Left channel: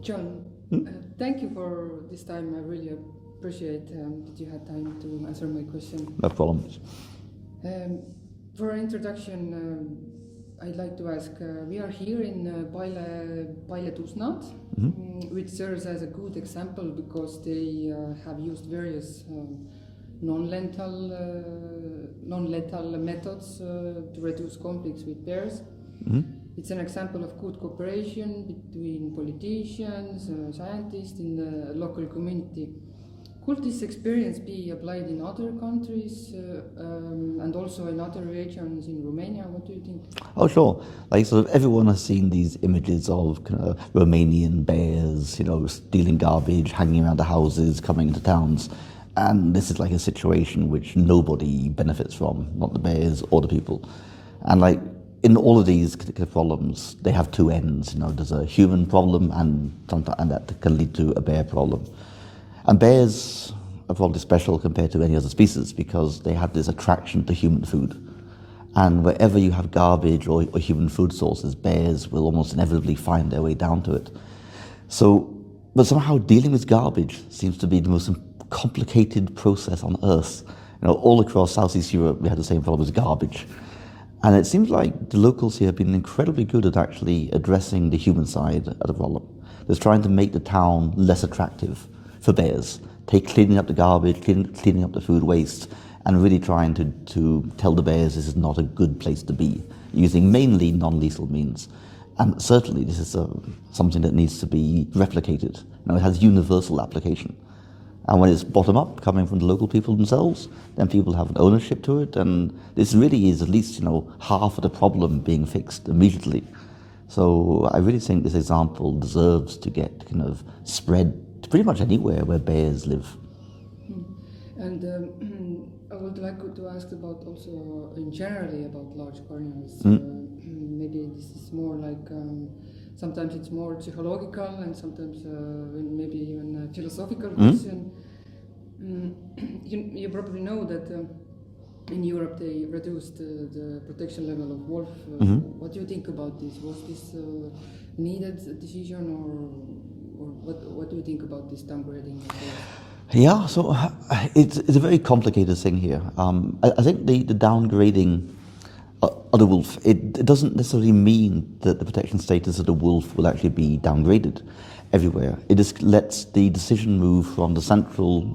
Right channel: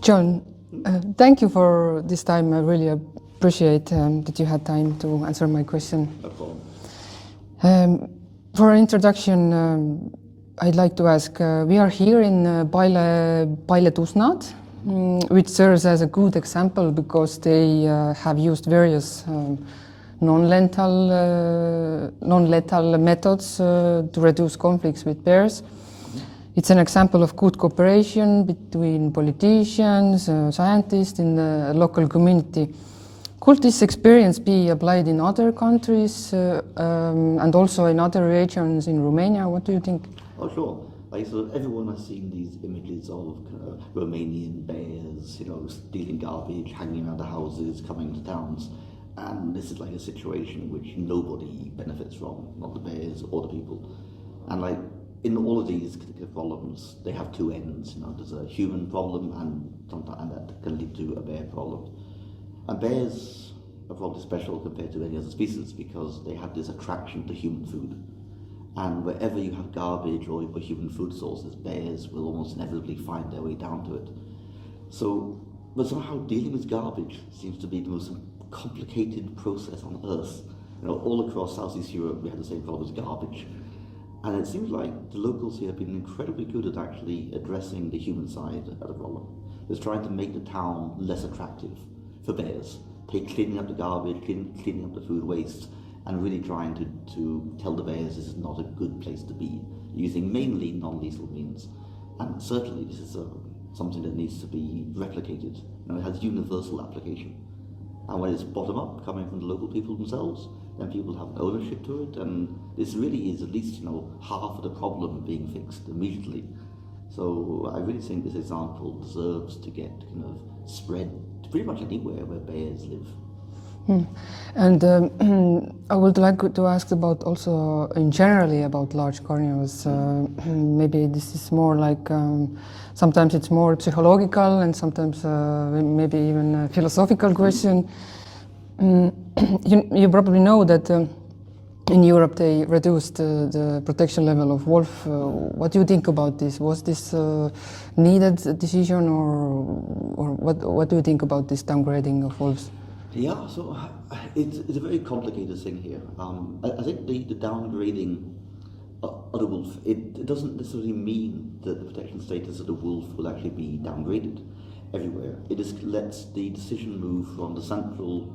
John, thank you for this time. I really appreciate that you had time to answer my question. No problem. For introduction, I'd like to ask, we are here in Băile Tușnad, which serves as a good example because they have used various non-lethal methods to reduce conflicts with bears. It's an example of good cooperation between politicians, scientists in the local community. Could this experience be applied in other countries and also in other regions in Romania? What do you think? Oh, sure. Like, sort of everyone has seen these images of kind of Romanian bears, stealing garbage, hanging around the houses, coming into towns. And this is like a situation which nobody benefits from, not the bears or the people. And like, in all of these problems, they have two ends. There's a human problem and that can lead to a bear problem. And bears are probably special compared to any other species because they have this attraction to human food. And wherever you have garbage or human food sources, bears will almost inevitably find their way down to it. But somehow dealing with garbage seems to be the most complicated process on Earth. All across Southeast Europe, we had the same problem with garbage. And it seems like the locals here have been incredibly good at actually addressing the human side of the problem. They're trying to make the town less attractive for bears, cleaning up the garbage, cleaning up the food waste, and really trying to tell the bears this is not a good place to be, using mainly non-lethal means. And certainly this is something that needs to be replicated. It has universal application. And when it's bottom-up, coming from the local people themselves, then people have an ownership to it, and this really is at least, half of the problem being fixed immediately. So I really think this example deserves to get kind of spread to pretty much anywhere where bears live. And I would like to ask about also in generally about large carnivores. Maybe this is more like sometimes it's more psychological and sometimes maybe even a philosophical question. You probably know that in Europe they reduced the protection level of wolf. What do you think about this? Was this needed decision or what do you think about this downgrading of wolves? Yeah, so it's a very complicated thing here. I think the downgrading of the wolf, it doesn't necessarily mean that the protection status of the wolf will actually be downgraded everywhere. It just lets the decision move from the central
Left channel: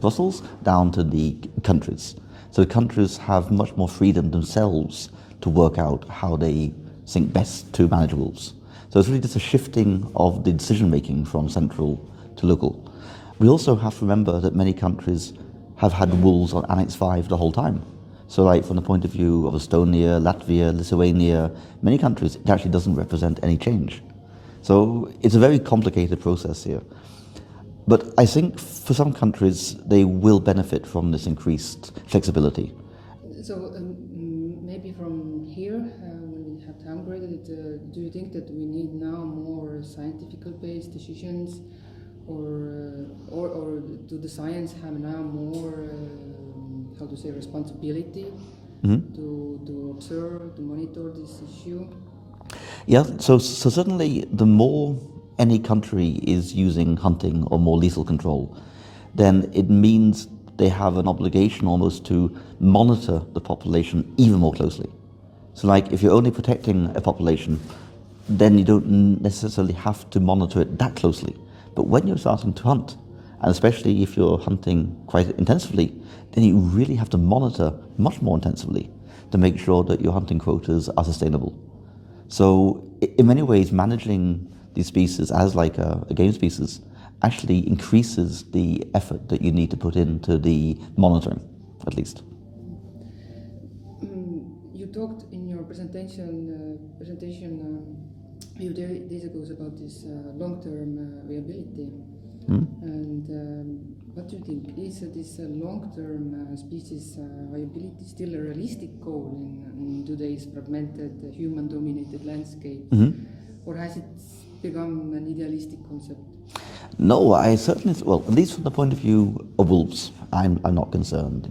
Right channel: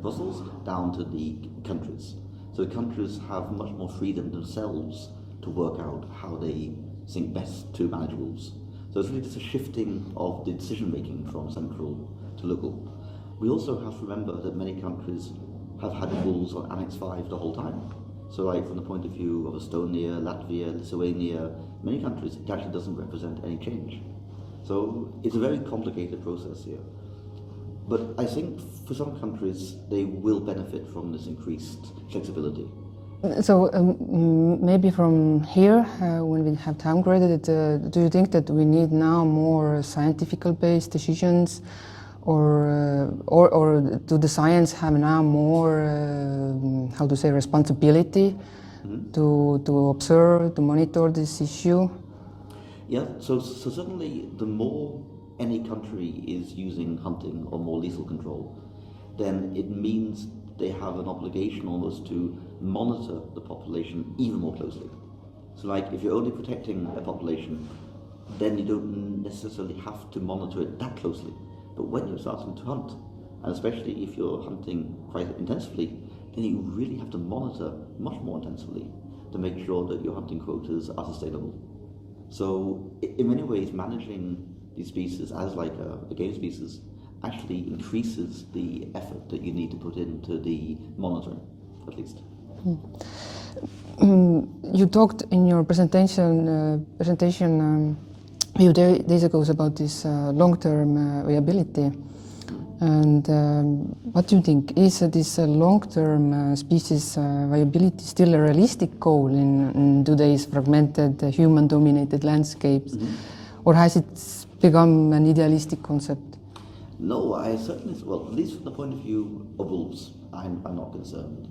Brussels down to the countries. So the countries have much more freedom themselves to work out how they think best to manage wolves. So it's really just a shifting of the decision making from central to local. We also have to remember that many countries have had wolves on Annex 5 the whole time. So like from the point of view of Estonia, Latvia, Lithuania, many countries, it actually doesn't represent any change. So it's a very complicated process here. But I think for some countries, they will benefit from this increased flexibility. So maybe from here, when we have downgraded it, do you think that we need now more scientific-based decisions? Or do the science have now more, responsibility to observe, to monitor this issue? Yeah, so certainly the more any country is using hunting or more lethal control, then it means they have an obligation almost to monitor the population even more closely. So like if you're only protecting a population, then you don't necessarily have to monitor it that closely. But when you're starting to hunt, and especially if you're hunting quite intensively, then you really have to monitor much more intensively to make sure that your hunting quotas are sustainable. So in many ways, managing these species as like a game species actually increases the effort that you need to put into the monitoring, at least. You talked in your presentation a few days ago about this long-term viability. And what do you think? Is this long-term species viability still a realistic goal in today's fragmented, human-dominated landscapes? Or has it become an idealistic concept? No, I certainly, well, at least from the point of view of wolves, I'm not concerned.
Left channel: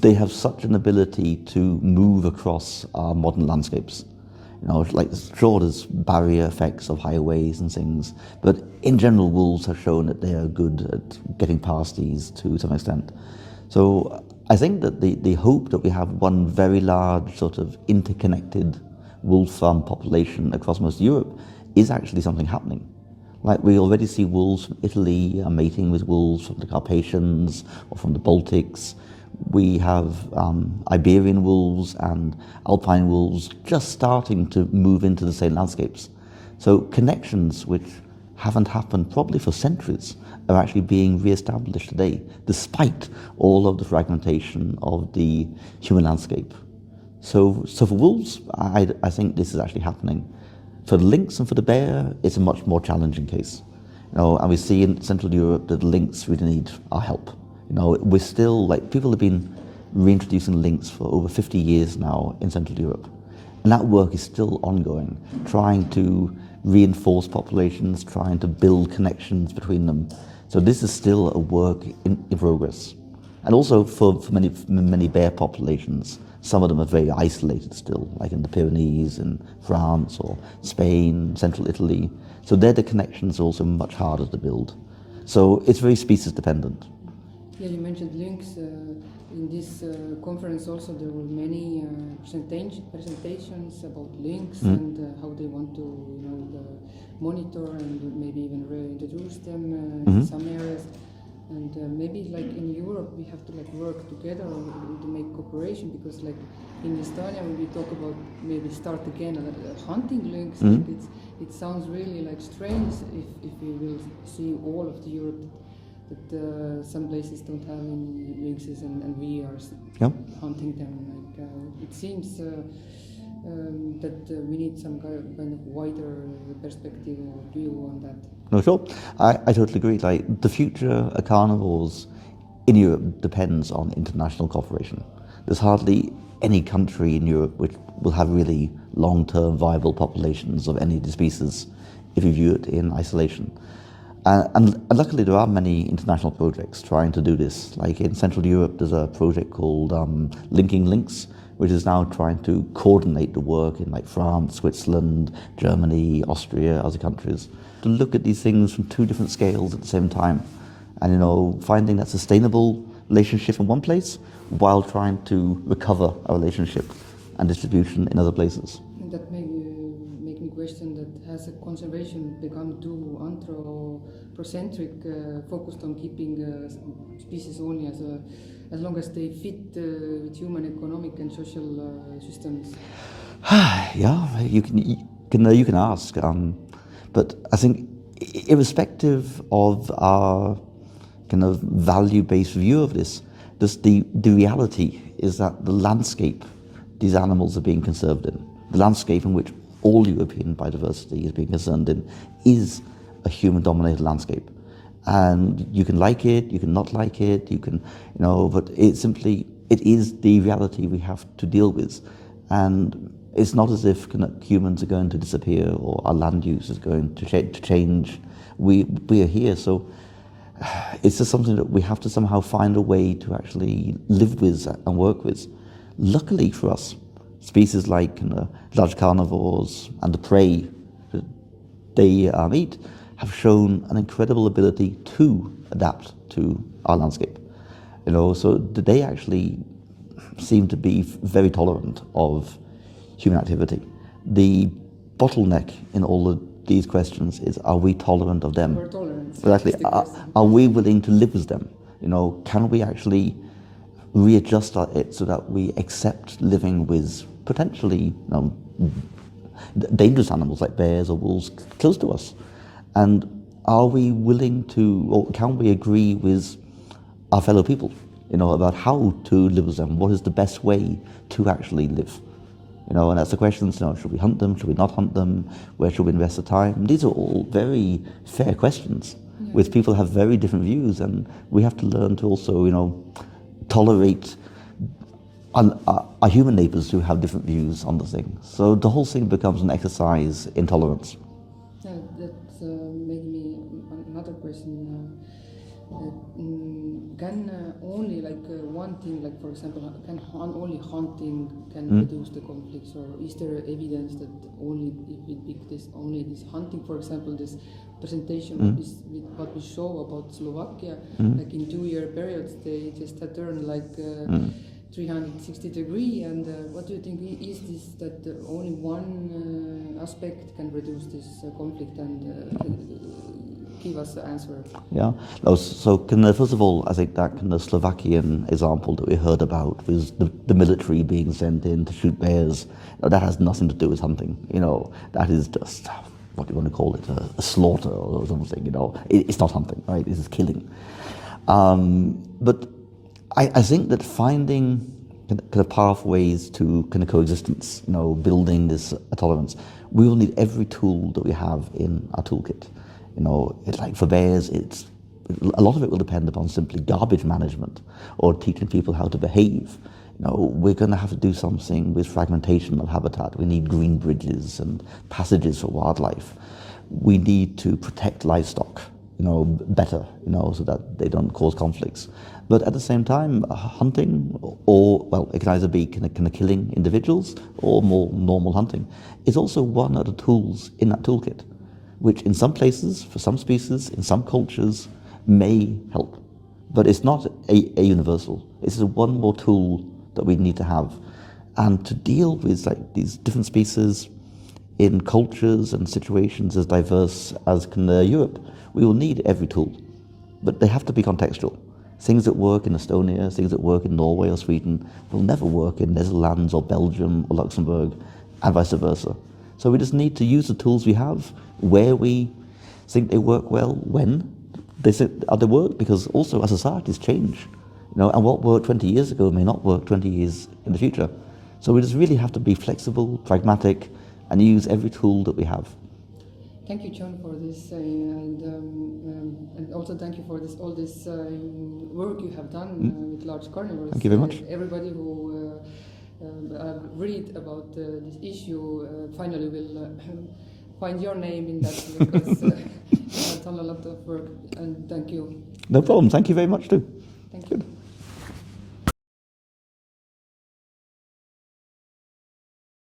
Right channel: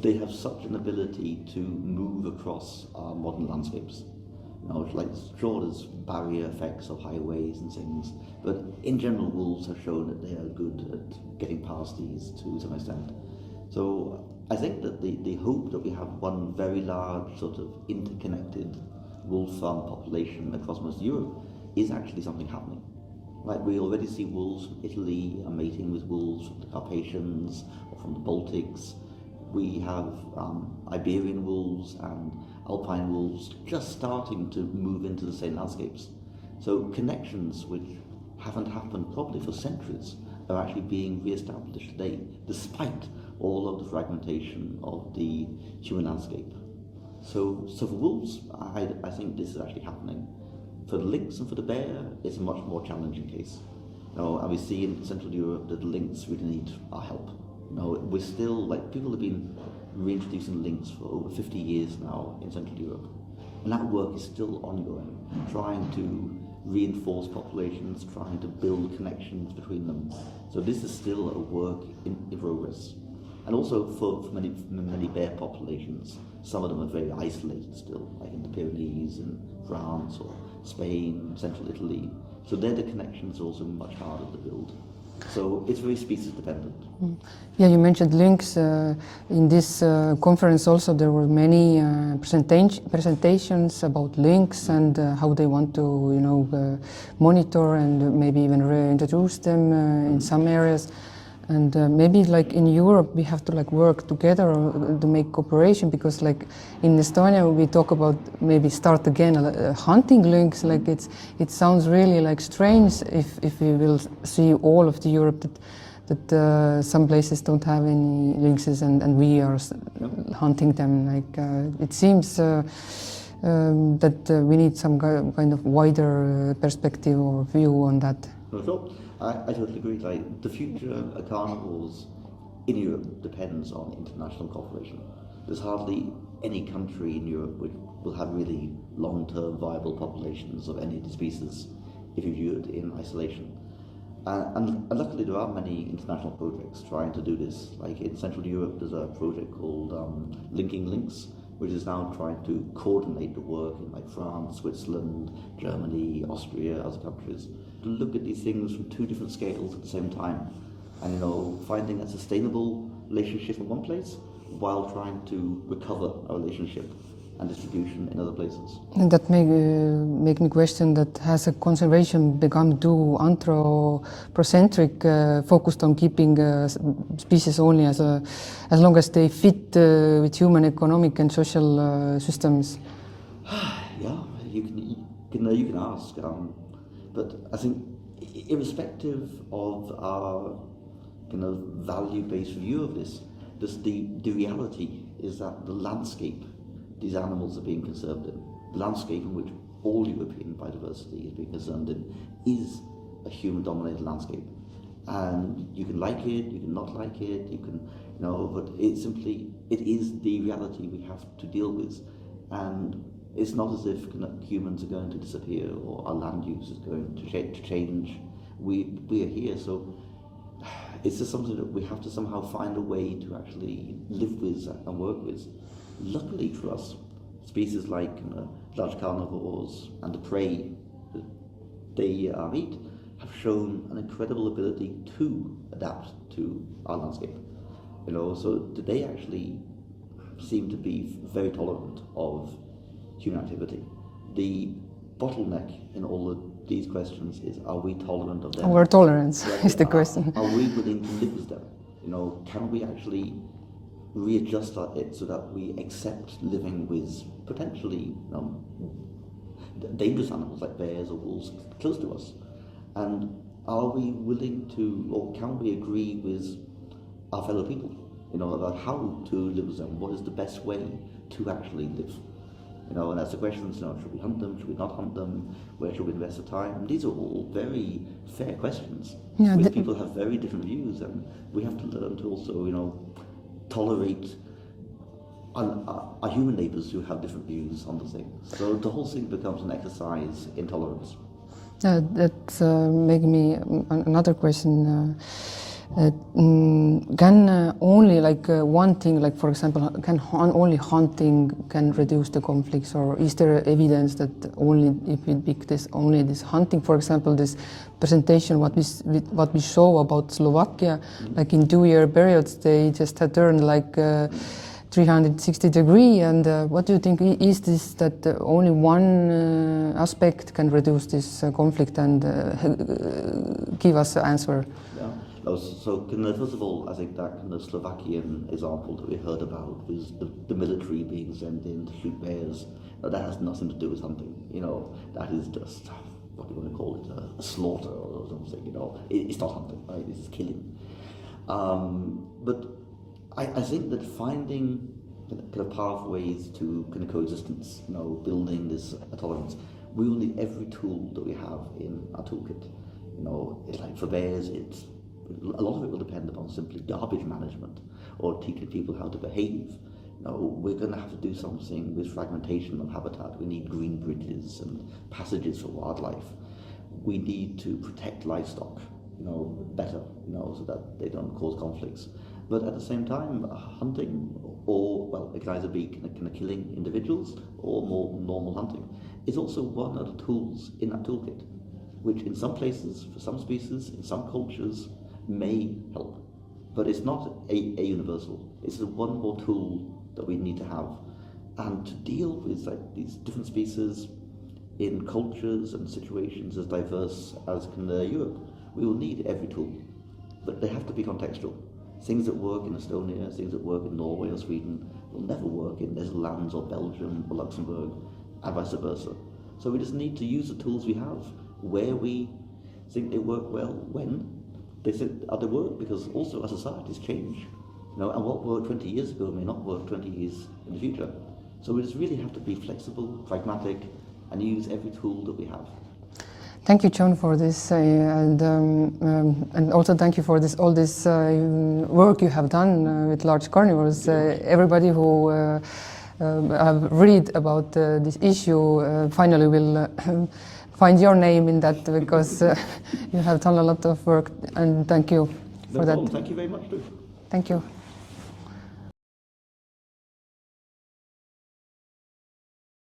They have such an ability to move across our modern landscapes. You know, like sure there's barrier effects of highways and things, but in general wolves have shown that they are good at getting past these to some extent. So I think that the hope that we have one very large sort of interconnected wolf population across most of Europe is actually something happening. Like we already see wolves from Italy mating with wolves from the Carpathians or from the Baltics. We have Iberian wolves and alpine wolves just starting to move into the same landscapes. So connections which haven't happened probably for centuries are actually being re-established today, despite all of the fragmentation of the human landscape. So for wolves, I think this is actually happening. For the lynx and for the bear, it's a much more challenging case. You know, and we see in Central Europe that lynx really need our help. You know, we're still, like, people have been reintroducing lynx for over 50 years now in Central Europe. And that work is still ongoing, trying to reinforce populations, trying to build connections between them. So this is still a work in progress. And also for many bear populations, some of them are very isolated still, like in the Pyrenees, in France or Spain, central Italy. So there the connections are also much harder to build. So it's very species dependent. Yeah, you mentioned lynx. In this conference also there were many presentations about lynx and how they want to, you know, monitor and maybe even reintroduce them in some areas. And maybe like in Europe we have to like work together to make cooperation, because like in Estonia we talk about maybe start again hunting lynx. Like it sounds really like strange if we will see all of the Europe that some places don't have any lynxes and we are hunting them. Like it seems that we need some kind of wider perspective or view on that. No, sure. I totally agree. Like the future of carnivores in Europe depends on international cooperation. There's hardly any country in Europe which will have really long-term viable populations of any of the species if you view it in isolation. And luckily there are many international projects trying to do this. Like in Central Europe there's a project called Linking Lynx, which is now trying to coordinate the work in like France, Switzerland, Germany, Austria, other countries, to look at these things from two different scales at the same time. And, you know, finding that sustainable relationship in one place while trying to recover a relationship and distribution in other places. And that make me question that has a conservation become too anthropocentric, focused on keeping species only as long as they fit with human economic and social systems? Yeah, you can ask, but I think irrespective of our kind of value-based view of this, the reality is that the landscape these animals are being conserved in, the landscape in which all European biodiversity is being concerned in, is a human-dominated landscape. And you can like it, you can not like it, you can, you know, but it is the reality we have to deal with. And it's not as if humans are going to disappear or our land use is going to change. We are here, so it's just something that we have to somehow find a way to actually live with and work with. Luckily for us, species like large carnivores and the prey that they eat have shown an incredible ability to adapt to our landscape. You know, so they actually seem to be very tolerant of human activity. The bottleneck in all of these questions is, are we tolerant of them? Our tolerance is the question. Are we willing to live with them? You know, can we actually readjust it so that we accept living with potentially dangerous animals like bears or wolves close to us? And are we willing to, or can we agree with our fellow people, you know, about how to live with them? What is the best way to actually live? You know, and that's the questions, you know, should we hunt them, should we not hunt them, where should we invest the time? These are all very fair questions, which people have very different views, and we have to learn to also, you know, tolerate our human neighbours who have different views on the thing. So the whole thing becomes an exercise in tolerance. That's making me another question. Can only one thing, like for example, can only hunting can reduce the conflicts, or is there evidence that only if we pick this only this hunting, for example, this presentation what we show about Slovakia, like in 2-year periods they just had turned 360 degrees, and what do you think, is this that only one aspect can reduce this conflict and give us an answer? Yeah, no, so first of all, I think that Slovakian example that we heard about was the military being sent in to shoot bears. That has nothing to do with hunting, that is just, what do you want to call it, a slaughter or something, it's not hunting, right, this is killing. But I think that finding pathways to coexistence, building this tolerance, we will need every tool that we have in our toolkit. It's like for bears, a lot of it will depend upon simply garbage management or teaching people how to behave. We're going to have to do something with fragmentation of habitat. We need green bridges and passages for wildlife. We need to protect livestock, better, so that they don't cause conflicts. But at the same time, hunting, it can either be killing individuals or more normal hunting, is also one of the tools in that toolkit, which in some places, for some species, in some cultures, may help. But it's not a universal. It's one more tool that we need to have. And to deal with these different species in cultures and situations as diverse as Europe, we will need every tool. But they have to be contextual. Things that work in Estonia, things that work in Norway or Sweden will never work in Netherlands or Belgium or Luxembourg, and vice versa. So we just need to use the tools we have where we think they work well, when they work, because also our societies change. And what worked 20 years ago may not work 20 years in the future. So we just really have to be flexible, pragmatic, and use every tool that we have. Thank you, John, for this, and also thank you for all this work you have done with large carnivores. Thank you very much. Everybody who have read about this issue finally will find your name in that, because you have done a lot of work, and thank you. No problem. Thank you very much too. Thank you.